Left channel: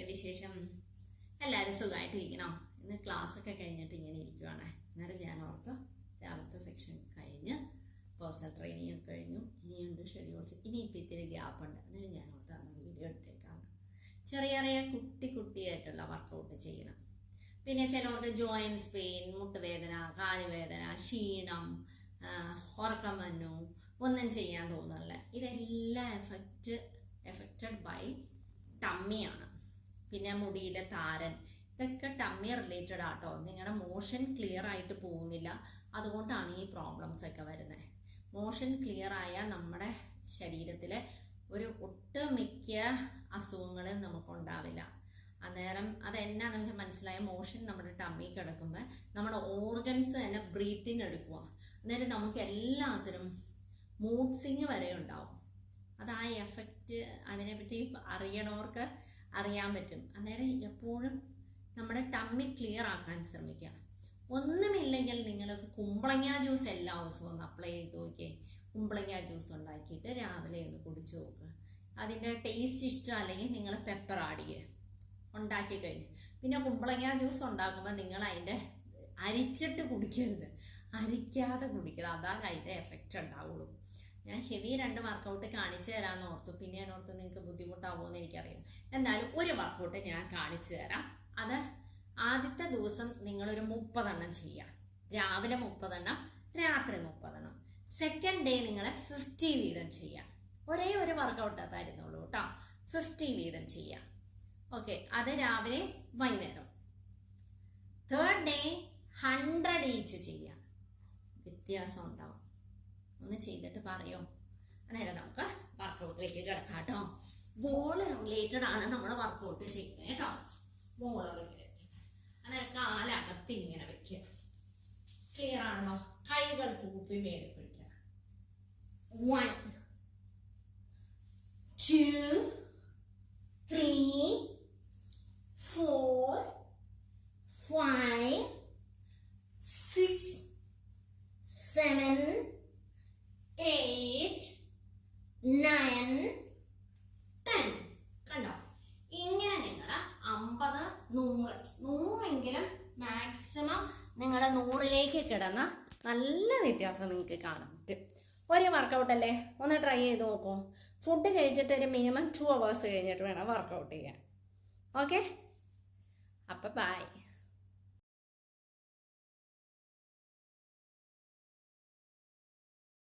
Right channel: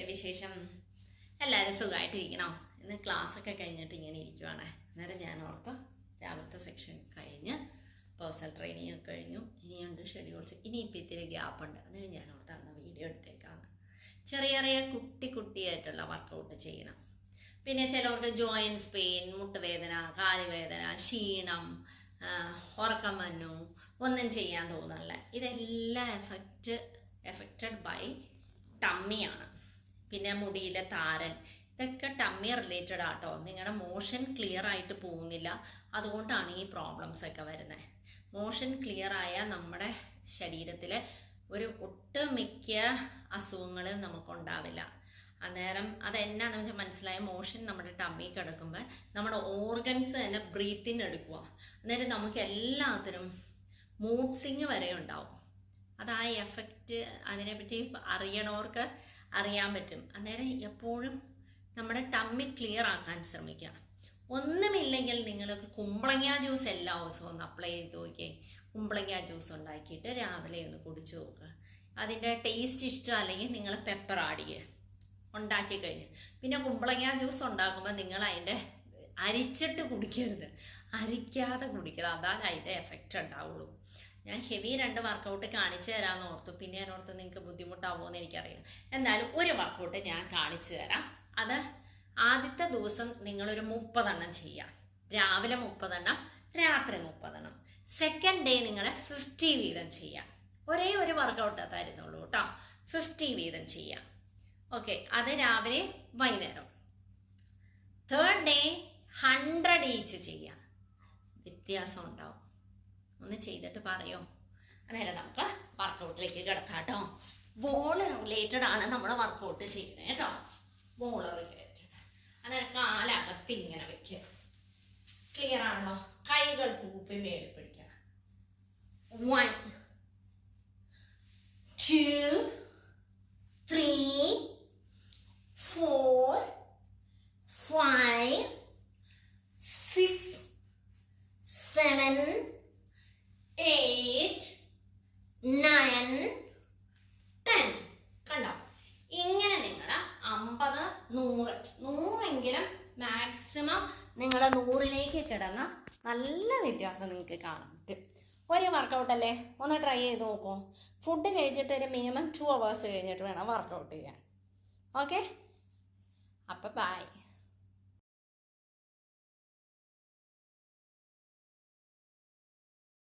എന്തൊക്കെയുണ്ട് വിശേഷം? എല്ലാവരും സുഖമായിട്ടിരിക്കണോ? ഇന്ന് ക്ലാസ്സൊക്കെ കഴിഞ്ഞിട്ട് ഇങ്ങനെ ഇരിക്കുവാണ്. അന്നേരം ഞാൻ ഓർത്ത് രാവിലത്തെ സെക്ഷൻ കഴിഞ്ഞ് പേഴ്സണൽ ട്രെയിനിങ് ഒക്കെ കഴിഞ്ഞു, ഇനിയുണ്ട് ഷെഡ്യൂൾസ്, ഇനിയിപ്പോൾ ഇത്തിരി ഗ്യാപ്പുണ്ട്. അന്നേരം ഞാൻ ഓർത്ത് അന്ന് വീഡിയോ എടുത്തേക്കാന്ന്. ചെറിയ ചെറിയ കുട്ടിയായിട്ടുള്ള വർക്കൗട്ട് ചെയ്യണം. പിന്നെ ചിലവർക്ക് ജോയിൻസ് പെയിൻ, മുട്ടുവേദന, കാലുവേദന, ക്ഷീണം, ഉറക്കം വന്നു, ഒന്നും ചെയ്യാൻ തോന്നുന്നില്ല. ഇതെല്ലാം എഫക്റ്റഡ് ബൈ ടമ്മിയാണ്. പിന്നെ മുടിയിലെ താരൻ, ഇതൊക്കെ ടമ്മി റിലേറ്റഡ് ആട്ടോ. നിങ്ങളുടെ മോഷൻ ക്ലിയർ ആയിട്ട് പോകുന്നില്ല, അതുകൊണ്ടാണ് ഈ പ്രോബ്ലംസ് ഒക്കെ വരുന്നത്. മോഷൻ ക്ലിയർ ആയാൽ നമ്മുടെ ശരീരത്തിൽ ഒരു ഒട്ടുമിക്ക അസുഖങ്ങളും നമുക്കുണ്ടാവില്ല. അന്നേരം അതെന്നാന്ന് വെച്ചാൽ മനസ്സിലായ, മോഷൻ നമ്മുടെ ടമ്മി കിടക്കുമ്പോൾ നമ്മുടെ ഓർഗൻസ് തന്നെ ബ്രീത്തിങ് എടുക്കുക. അന്നേരം നമുക്ക് എല്ലാത്തിനും മൂഡ് സ്വിങ് വരെ ഉണ്ടാവും. അത് ആ എഫക്റ്റ് അതിനെപ്പറ്റി അറിയണവർക്ക് അറിയാൻ പറ്റും. അന്നേരം എപ്പോഴും നമ്മുടെ ടമ്മി ക്ലിയർ ആക്കാൻ ശ്രമിക്കുക. ഒന്നുമില്ലെങ്കിൽ നിങ്ങൾക്ക് കുമ്പളങ്ങ ജ്യൂസ് എല്ലാ ദിവസവും ഒന്ന് അപ്ലൈ ചെയ്ത് നോക്കിയേ. കുമ്പളങ്ങ ജ്യൂസ് ഉണ്ടാക്കിയിട്ട് രാവിലെ ഒന്ന് കുടിച്ചു നോക്കുക. അതിൻ്റെ ടേസ്റ്റ് ഇഷ്ടം അല്ലെങ്കിൽ നിങ്ങൾ പെപ്പർ ആഡ് ചെയ്യുക ഉണ്ടാക്കി കഴിഞ്ഞ്. പിന്നെ കുമ്പളങ്ങ ജ്യൂസ് ഉണ്ടാക്കുമ്പോൾ നിങ്ങൾ അതിൻ്റെ അരിച്ചിട്ട് കുടിക്കരുത്, അരിക്കാതെ കുടിക്കരുത്. അതാണ് അതിൻ്റെ എഫക്റ്റ് ഉണ്ടാവുള്ളൂ. ഞാൻ ഹെവി 2 വർക്കൗട്ട് കാണിച്ചു തരാമെന്ന് ഓർത്തു. പിന്നെ ഞാൻ ഓർത്തു നിങ്ങൾക്ക് ബുദ്ധിമുട്ടാവുമോ എന്ന് എനിക്കറിയാം. എന്തായാലും ഒരു വർക്കൗട്ട് ഞാൻ കാണിച്ചു തരാം. അത് ആദ്യത്തെ ദിവസം നിങ്ങളൊരു 30 എണ്ണം ചെയ്യാം. രാവിലെ 30 എണ്ണം, രാത്രി 30 എണ്ണം. സെക്കൻഡ് ഡേ നിങ്ങൾ 50 വീതം ചെയ്യാം. ഒരേ ഒരു വർക്കൗട്ട് തരുന്നുള്ളൂ കേട്ടോ. 50 വീതം ചെയ്യാം. ഓക്കെ, അത് രാവിലെ വൈകുന്നേരം. തേർഡ് ഡേ 100 ഈച്ച് ചെയ്യാം. വ്യത്യാസം ഉണ്ടാവും. ഒന്ന് ചെയ്തിട്ട് പറയോ? അന്നേരം നമുക്ക് വർക്കൗട്ടിലേക്ക് കിടക്കാം കേട്ടോ. വോള് റിലേറ്റഡ് ആണ് നമ്മൾ വർക്കൗട്ട് ചെയ്യുന്നത് കേട്ടോ. Wall related. അന്നേരം കാലകത്ത് ഇങ്ങനെ വെക്കുക. ക്ലിയർ ആണല്ലോ? കൈകൾ കൂപ്പി മേളിൽ പിടിക്കുക. 1 2 3 4 5 6 7 8 9 10. കണ്ടോ? ഇങ്ങനെ നിങ്ങൾ 50 100 മാക്സിമം നിങ്ങൾ 100ലേക്ക് കിടന്ന നല്ല വ്യത്യാസം നിങ്ങൾക്ക് കാണാൻ പറ്റും. ഒരു വർക്കൗട്ടല്ലേ, ഒന്ന് ട്രൈ ചെയ്ത് നോക്കൂ. ഫുഡ് കഴിച്ചിട്ട് ഒരു മിനിമം 2 hours കഴിഞ്ഞിട്ട് വേണം വർക്കൗട്ട് ചെയ്യാൻ. ഓക്കെ, അപ്പം ബൈ.